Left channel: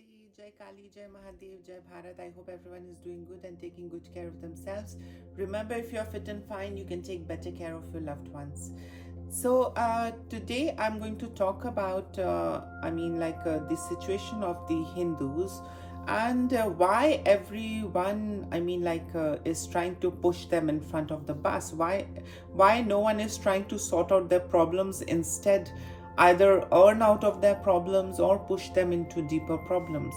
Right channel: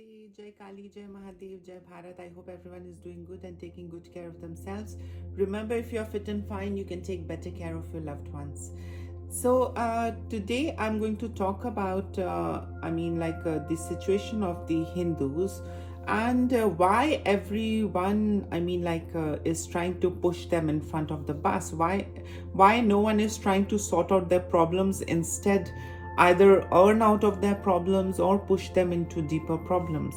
Namaste, Jai Kali, Jai Mahadev, Jai Bharat. I hope everyone is doing good and taking good care of themselves. Remember, if you're fit and fine, you can take better care of your loved ones. So today I'm going to talk about, the situation of the Hindus and why everyone, is trying to push them in front of the bus. Why no one is trying to sort out their problems, instead either earn out of their problems or push them into deeper problems.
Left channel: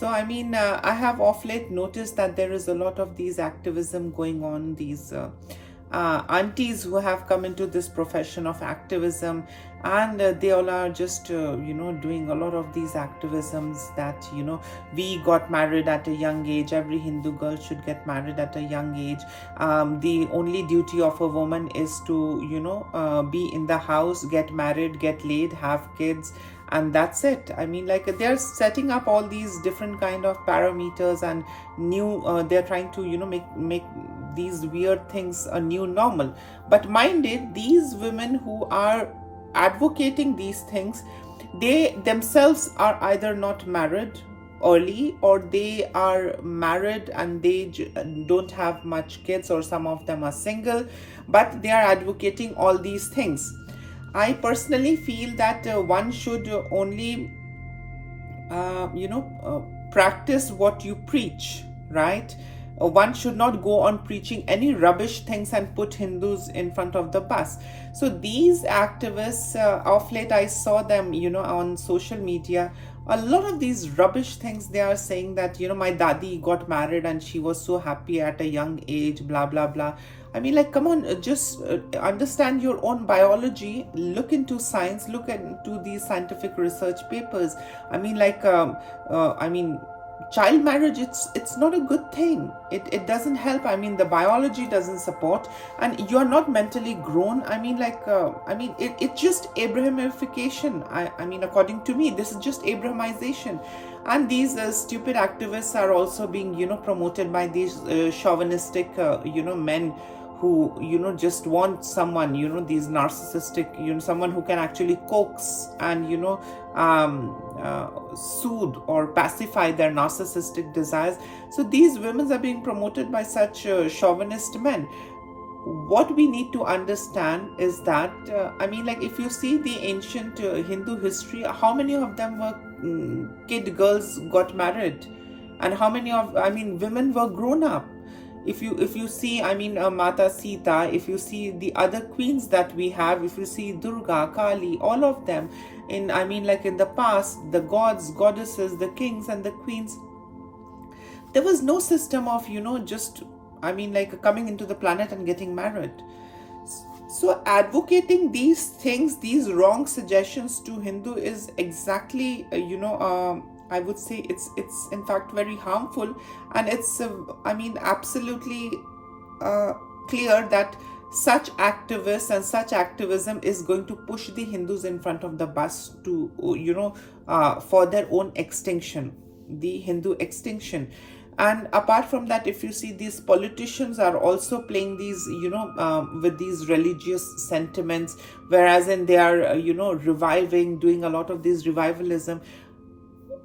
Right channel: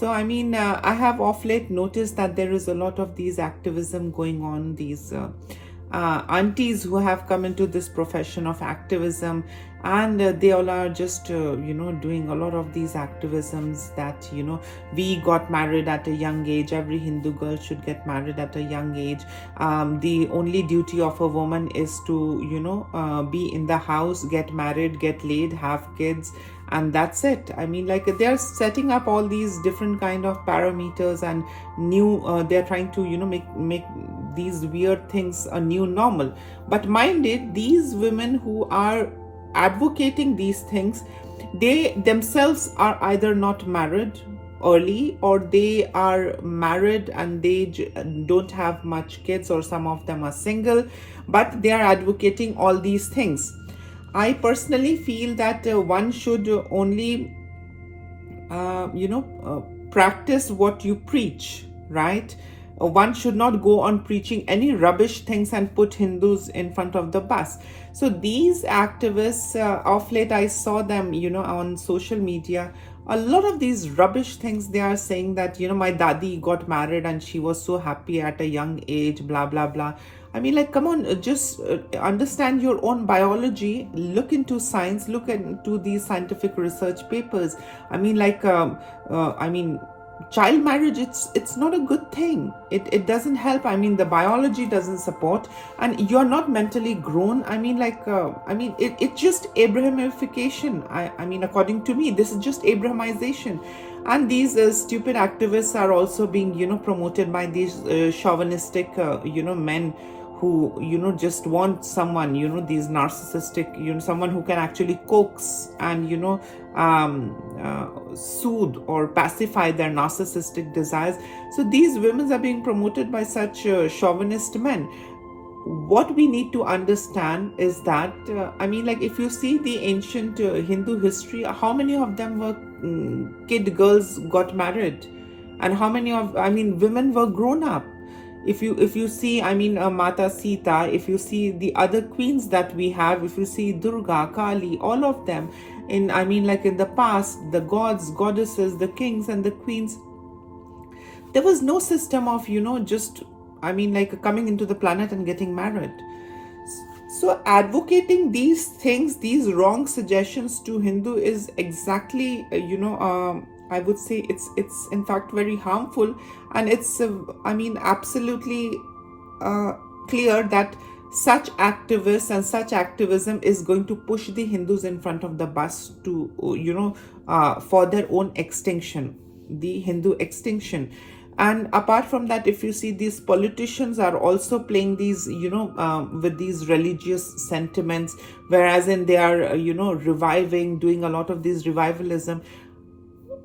I have of late noticed that there is a lot of these activism going on, these aunties who have come into this profession of activism, and they all are just doing a lot of these activisms that we got married at a young age. Every Hindu girl should get married at a young age. The only duty of a woman is to be in the house, get married, get laid, have kids, and that's it. They're setting up all these different kind of parameters and new they're trying to make these weird things a new normal. But mind it, these women who are advocating these things, they themselves are either not married early, or they are married and they don't have much kids, or some of them are single, but they are advocating all these things. I personally feel that one should only practice what you preach, right? One should not go on preaching any rubbish things and put Hindus in front of the bus. So these activists, of late I saw them, on social media, a lot of these rubbish things they are saying, that my dadi got married and she was so happy at a young age, blah blah blah. Come on, just understand your own biology, look into science, look into these scientific research papers. Child marriage, it's not a good thing. It doesn't help. The biology doesn't support, and you're not mentally grown. It's just Abrahamification. According to me, this is just Abrahamization. And these stupid activists are also being promoted by these chauvinistic men who just want someone, these narcissistic, someone who can actually coax and soothe or pacify their narcissistic desires. So these women are being promoted by such chauvinist men. What we need to understand is that if you see the ancient Hindu history, how many of them were kid girls got married, and how many of women were grown up? If you see Mata Sita, if you see the other queens that we have, if you see Durga, Kali, all of them in in the past, the gods, goddesses, the kings and the queens, there was no system of just coming into the planet and getting married. So advocating these things, these wrong suggestions to Hindu, is exactly I would say it's in fact very harmful, and it's absolutely clear that such activists and such activism is going to push the Hindus in front of the bus to for their own extinction, the Hindu extinction. And apart from that, if you see, these politicians are also playing these with these religious sentiments, whereas they are reviving, doing a lot of this revivalism.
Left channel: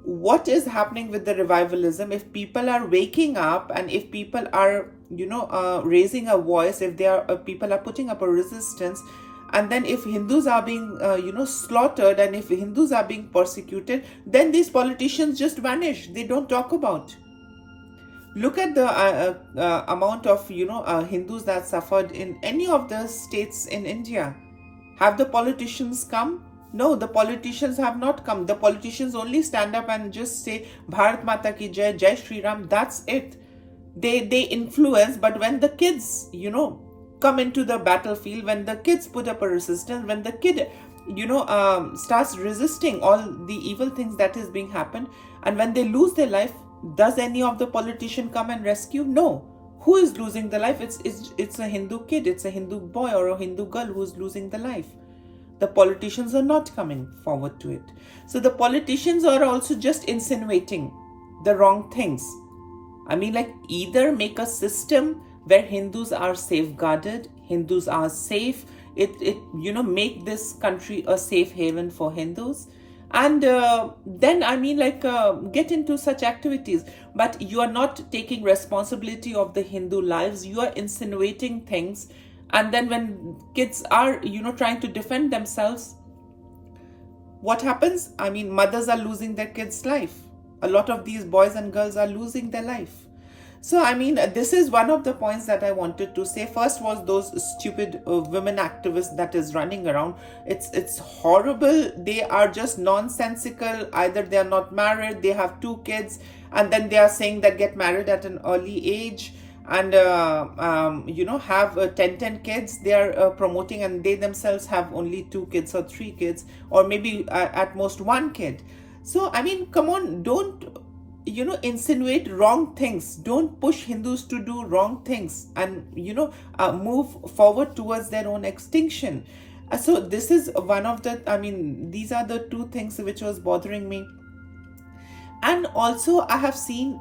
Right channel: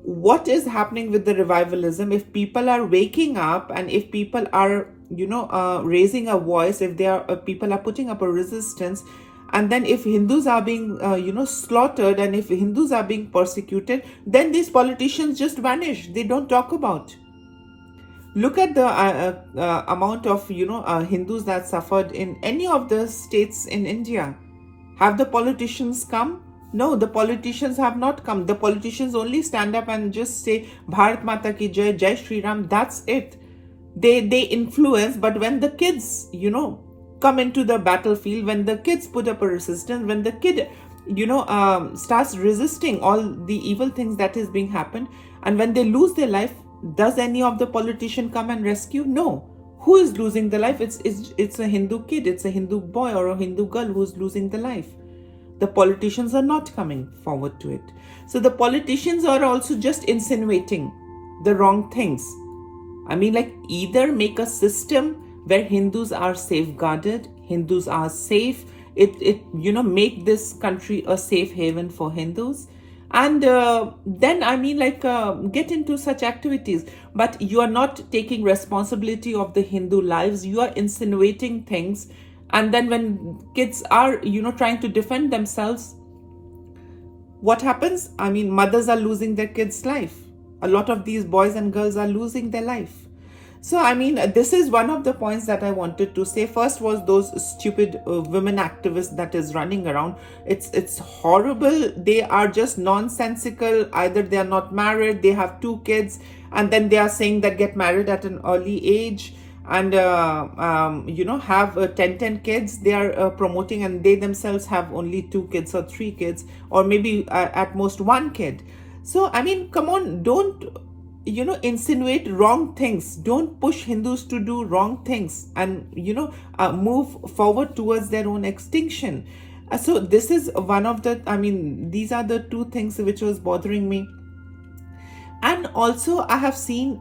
What is happening with the revivalism? If people are waking up, and if people are raising a voice, if they are people are putting up a resistance, and then if Hindus are being slaughtered, and if Hindus are being persecuted, then these politicians just vanish. They don't talk about. Look at the amount of Hindus that suffered in any of the states in India. Have the politicians come? No, the politicians have not come. The politicians only stand up and just say Bharat Mata ki Jai, Jai Shri Ram. That's it. They influence, but when the kids come into the battlefield, when the kids put up a resistance, when the kid starts resisting all the evil things that is being happened, and when they lose their life, does any of the politician come and rescue? No. Who is losing the life? It's a Hindu kid, it's a Hindu boy or a Hindu girl who's losing the life. The politicians are not coming forward to it. So the politicians are also just insinuating the wrong things. Either make a system where Hindus are safeguarded, Hindus are safe, make this country a safe haven for Hindus, And then get into such activities, but you are not taking responsibility of the Hindu lives. You are insinuating things, and then when kids are trying to defend themselves, what happens? Mothers are losing their kids' life. A lot of these boys and girls are losing their life. So, this is one of the points that I wanted to say. First was those stupid women activists that is running around. It's horrible. They are just nonsensical. Either they are not married, they have 2 kids, and then they are saying that get married at an early age and have 10 kids they are promoting, and they themselves have only 2 kids or 3 kids, or maybe at most 1 kid. So come on, don't insinuate wrong things. Don't push Hindus to do wrong things and move forward towards their own extinction. So this is one of the these are the 2 things which was bothering me. And also I have seen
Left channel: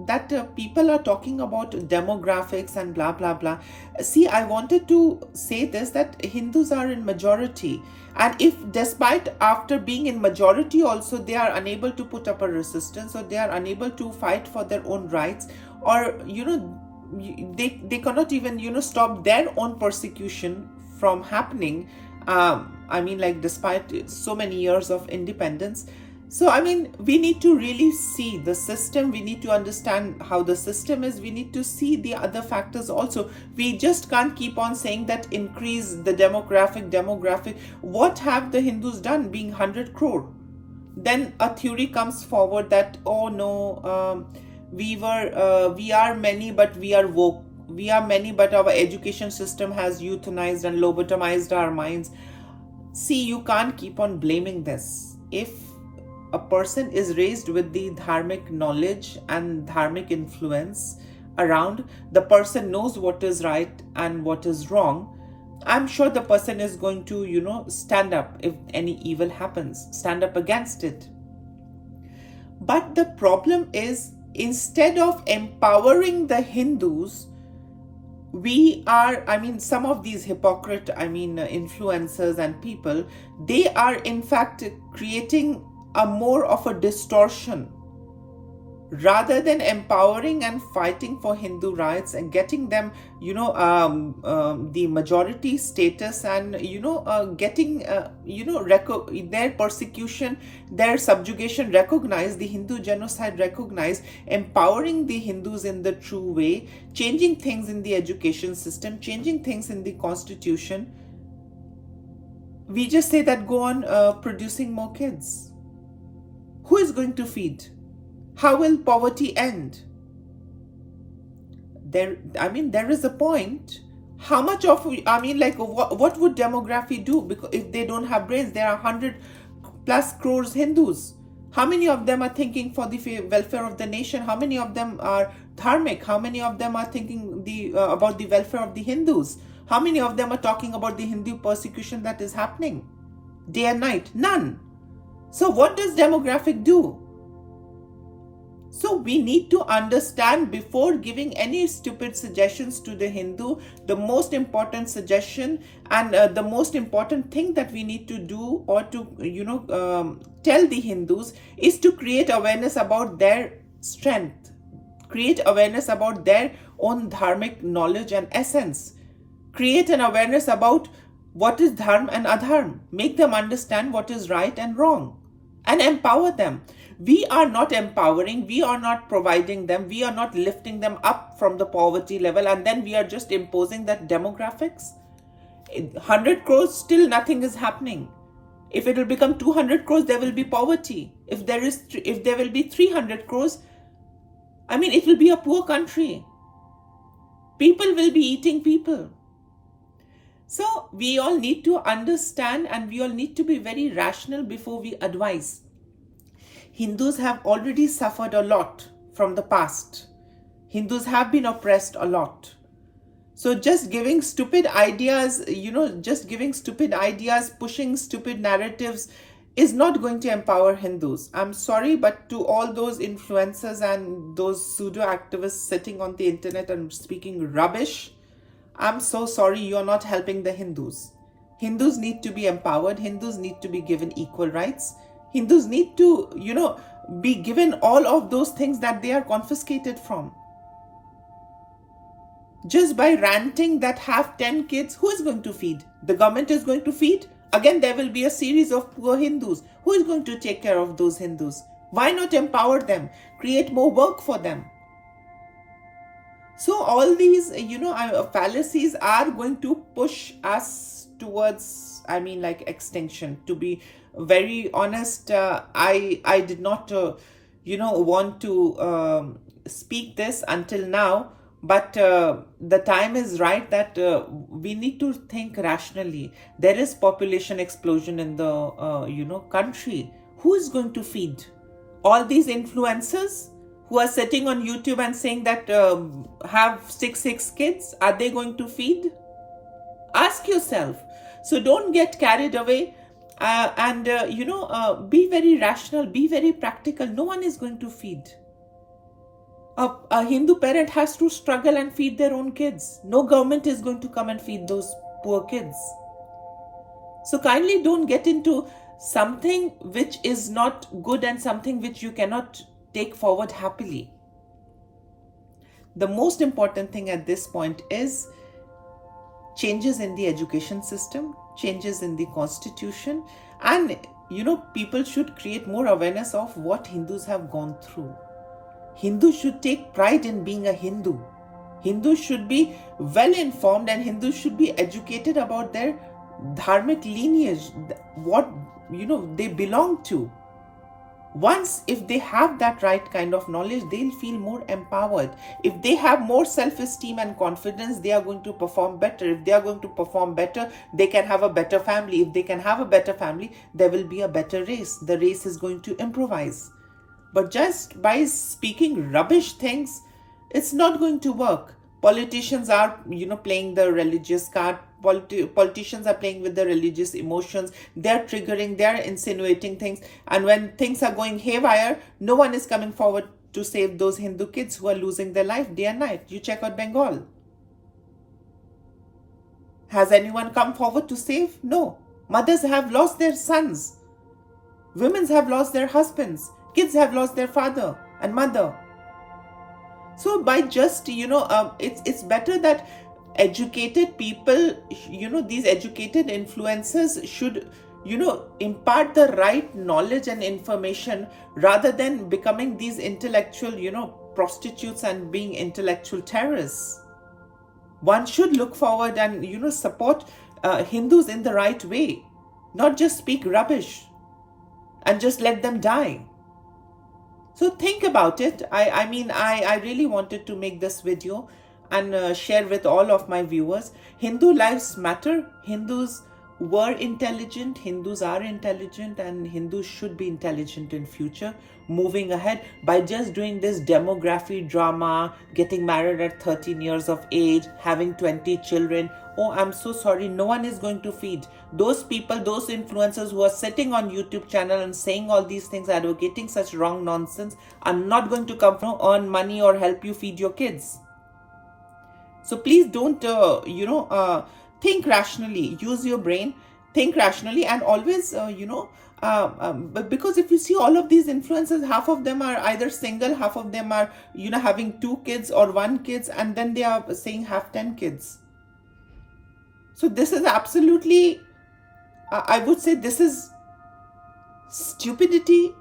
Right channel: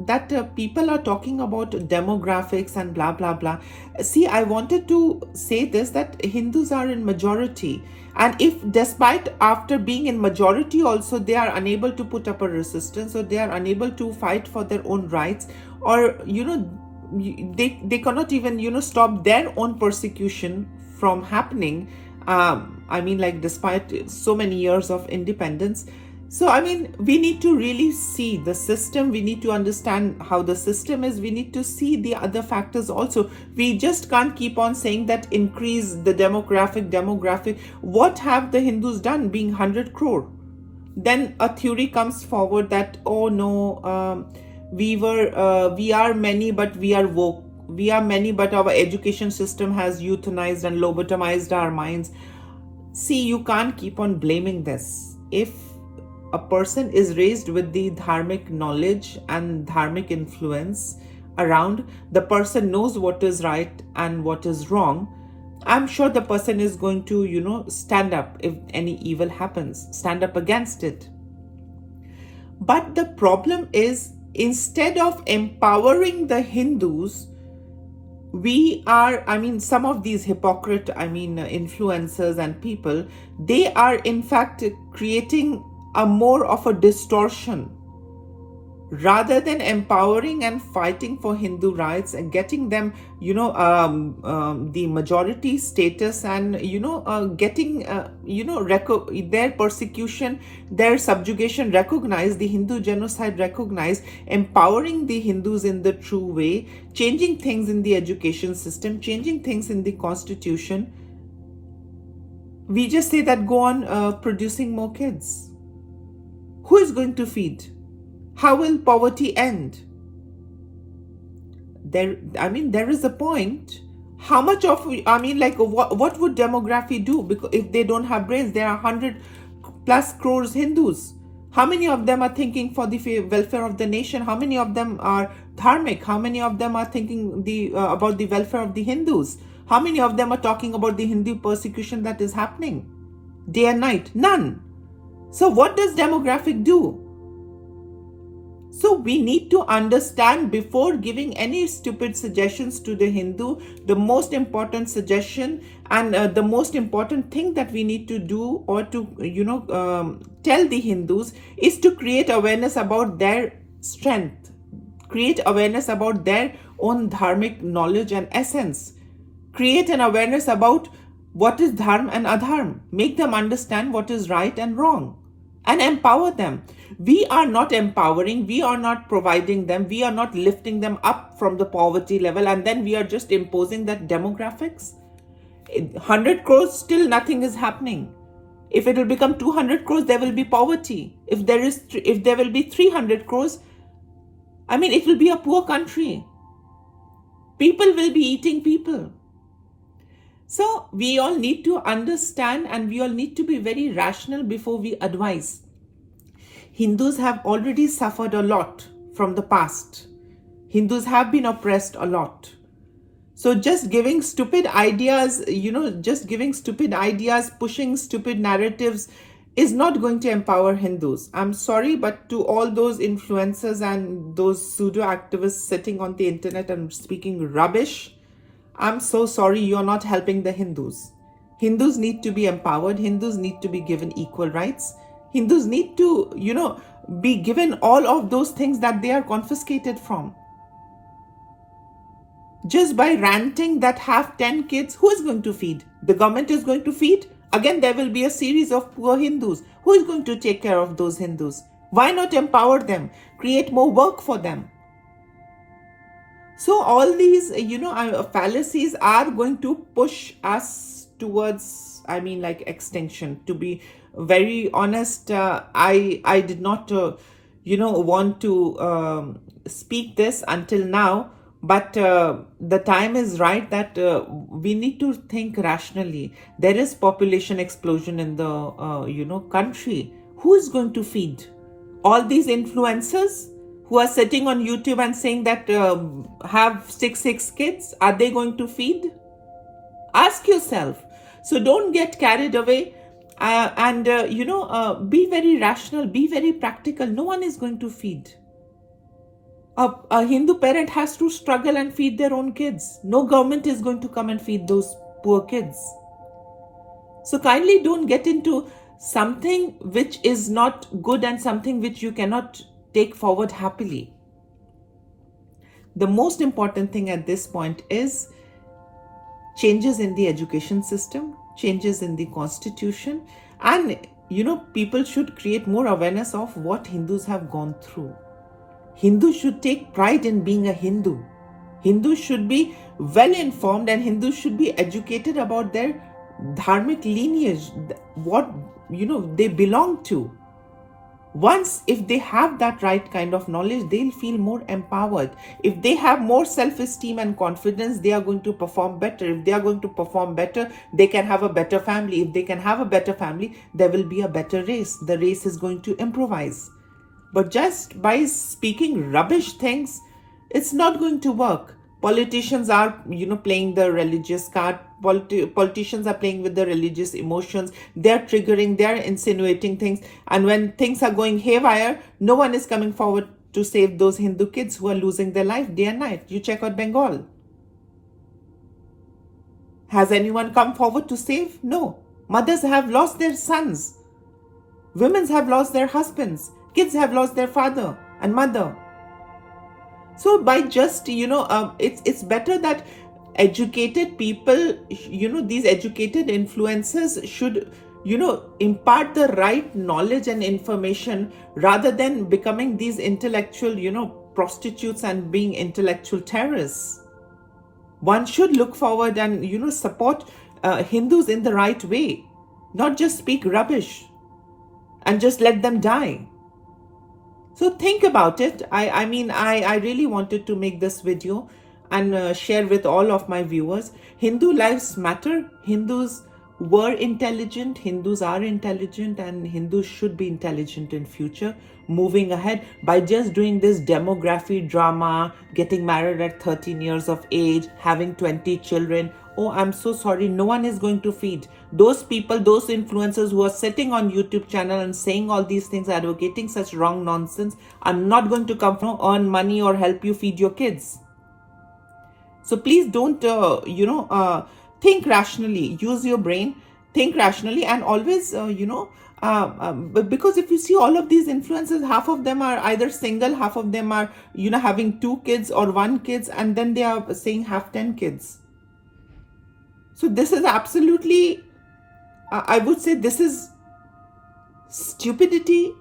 that people are talking about demographics and blah blah blah. See, I wanted to say this, that Hindus are in majority, and if despite after being in majority also they are unable to put up a resistance, or they are unable to fight for their own rights, or they cannot even stop their own persecution from happening, despite so many years of independence. So, we need to really see the system. We need to understand how the system is. We need to see the other factors also. We just can't keep on saying that increase the demographic. What have the Hindus done being 100 crore? Then a theory comes forward that, oh no, we are many, but we are woke. We are many, but our education system has euthanized and lobotomized our minds. See, you can't keep on blaming this. If a person is raised with the dharmic knowledge and dharmic influence around, the person knows what is right and what is wrong, I'm sure the person is going to, stand up if any evil happens, stand up against it. But the problem is, instead of empowering the Hindus, we are, some of these hypocrite, influencers and people, they are in fact creating a more of a distortion, rather than empowering and fighting for Hindu rights and getting them, the majority status, and getting their persecution, their subjugation recognized, the Hindu genocide recognized, empowering the Hindus in the true way, changing things in the education system, changing things in the constitution. We just say that go on producing more kids. Who is going to feed? How will poverty end? There is a point. How much of, what would demography do? Because if they don't have brains, there are 100 plus crores Hindus. How many of them are thinking for the welfare of the nation? How many of them are dharmic? How many of them are thinking about the welfare of the Hindus? How many of them are talking about the Hindu persecution that is happening day and night? None. So what does demographic do? So we need to understand, before giving any stupid suggestions to the Hindu, the most important suggestion and the most important thing that we need to do, or to tell the Hindus, is to create awareness about their strength, create awareness about their own dharmic knowledge and essence, create an awareness about what is dharma and adharma, make them understand what is right and wrong, and empower them. We are not empowering, we are not providing them, we are not lifting them up from the poverty level, and then we are just imposing that demographics. 100 crores, still nothing is happening. If it will become 200 crores, there will be poverty. If there will be 300 crores, it will be a poor country. People will be eating people. So we all need to understand, and we all need to be very rational before we advise. Hindus have already suffered a lot from the past. Hindus have been oppressed a lot. So just giving stupid ideas, pushing stupid narratives is not going to empower Hindus. I'm sorry, but to all those influencers and those pseudo activists sitting on the internet and speaking rubbish, I'm so sorry, you're not helping the Hindus. Hindus need to be empowered. Hindus need to be given equal rights. Hindus need to, be given all of those things that they are confiscated from. Just by ranting that have 10 kids, who is going to feed? The government is going to feed? Again, there will be a series of poor Hindus. Who is going to take care of those Hindus? Why not empower them? Create more work for them. So all these, fallacies are going to push us towards, extinction. To be very honest, I did not, want to speak this until now. But the time is right that we need to think rationally. There is population explosion in the, country. Who is going to feed? All these influencers who are sitting on YouTube and saying that have six kids, are they going to feed? Ask yourself. So don't get carried away and be very rational, be very practical. No one is going to feed. A Hindu parent has to struggle and feed their own kids. No government is going to come and feed those poor kids. So kindly don't get into something which is not good and something which you cannot take forward happily. The most important thing at this point is changes in the education system, changes in the constitution, and people should create more awareness of what Hindus have gone through. Hindus should take pride in being a Hindu. Hindus should be well informed, and Hindus should be educated about their dharmic lineage, what they belong to. Once, if they have that right kind of knowledge, they'll feel more empowered. If they have more self-esteem and confidence, they are going to perform better. If they are going to perform better, they can have a better family. If they can have a better family, there will be a better race. The race is going to improvise. But just by speaking rubbish things, it's not going to work. Politicians are, playing the religious card. Politicians are playing with the religious emotions. They're triggering, they're insinuating things. And when things are going haywire, no one is coming forward to save those Hindu kids who are losing their life day and night. You check out Bengal. Has anyone come forward to save? No. Mothers have lost their sons. Women have lost their husbands. Kids have lost their father and mother. So by just, it's better that educated people, these educated influencers should, impart the right knowledge and information rather than becoming these intellectual, prostitutes and being intellectual terrorists. One should look forward and, support Hindus in the right way, not just speak rubbish and just let them die. So think about it. I really wanted to make this video and share with all of my viewers. Hindu lives matter. Hindus were intelligent. Hindus are intelligent, and Hindus should be intelligent in future. Moving ahead, by just doing this demography drama, getting married at 13 years of age, having 20 children. Oh, I'm so sorry. No one is going to feed. Those people, those influencers who are sitting on YouTube channel and saying all these things, advocating such wrong nonsense, are not going to come from earn money or help you feed your kids. So please don't, think rationally. Use your brain. Think rationally, and always, because if you see all of these influencers, half of them are either single, half of them are, having 2 kids or 1 kids, and then they are saying have 10 kids. So this is absolutely, I would say this is stupidity.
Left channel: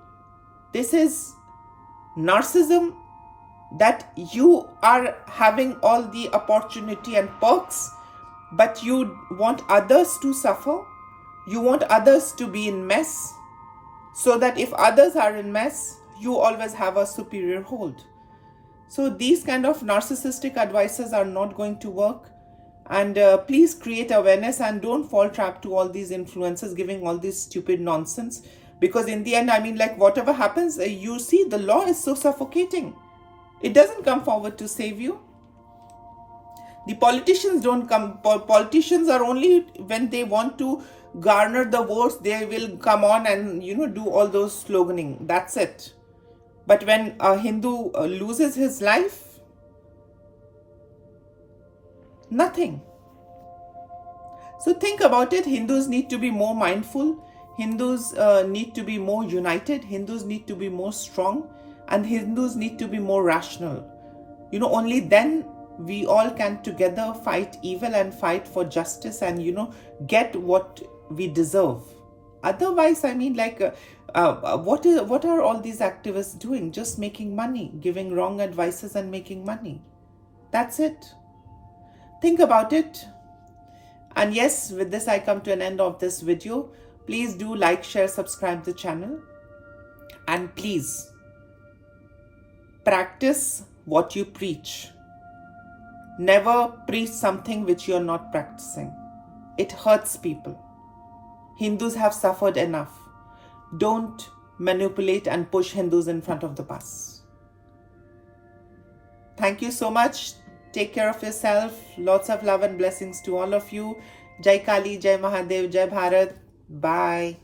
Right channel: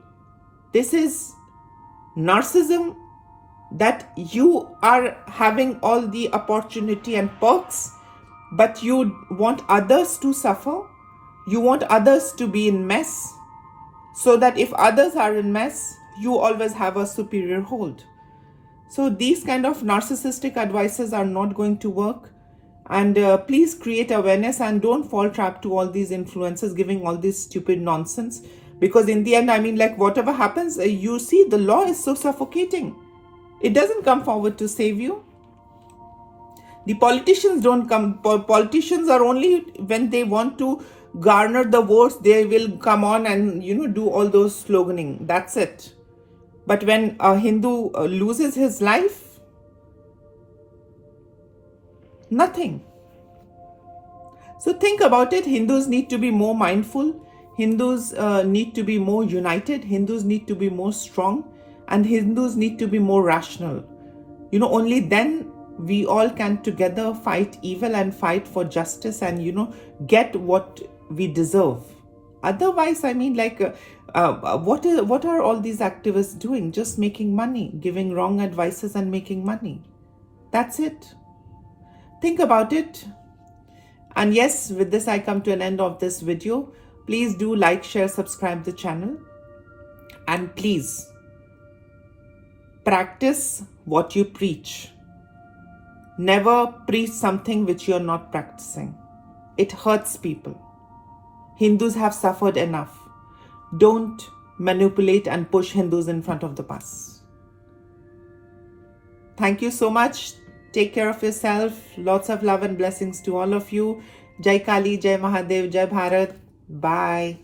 This is narcissism, that you are having all the opportunity and perks, but you want others to suffer. You want others to be in mess, so that if others are in mess, you always have a superior hold. So these kind of narcissistic advices are not going to work. And please create awareness and don't fall trap to all these influencers giving all this stupid nonsense. Because in the end, whatever happens, you see the law is so suffocating. It doesn't come forward to save you. The politicians don't come. Politicians are only when they want to garner the votes, they will come on and, do all those sloganing. That's it. But when a Hindu loses his life, nothing. So think about it. Hindus need to be more mindful. Hindus need to be more united. Hindus need to be more strong. And Hindus need to be more rational. Only then we all can together fight evil and fight for justice and, get what we deserve. Otherwise, what are all these activists doing? Just making money, giving wrong advices and making money. That's it. Think about it. And yes, with this I come to an end of this video. Please do like, share, subscribe the channel. And please practice what you preach. Never preach something which you're not practicing. It hurts people. Hindus have suffered enough. Don't manipulate and push Hindus in front of the bus. Thank you so much. Take care of yourself. Lots of love and blessings to all of you. Jai Kali, Jai Mahadev, Jai Bharat. Bye.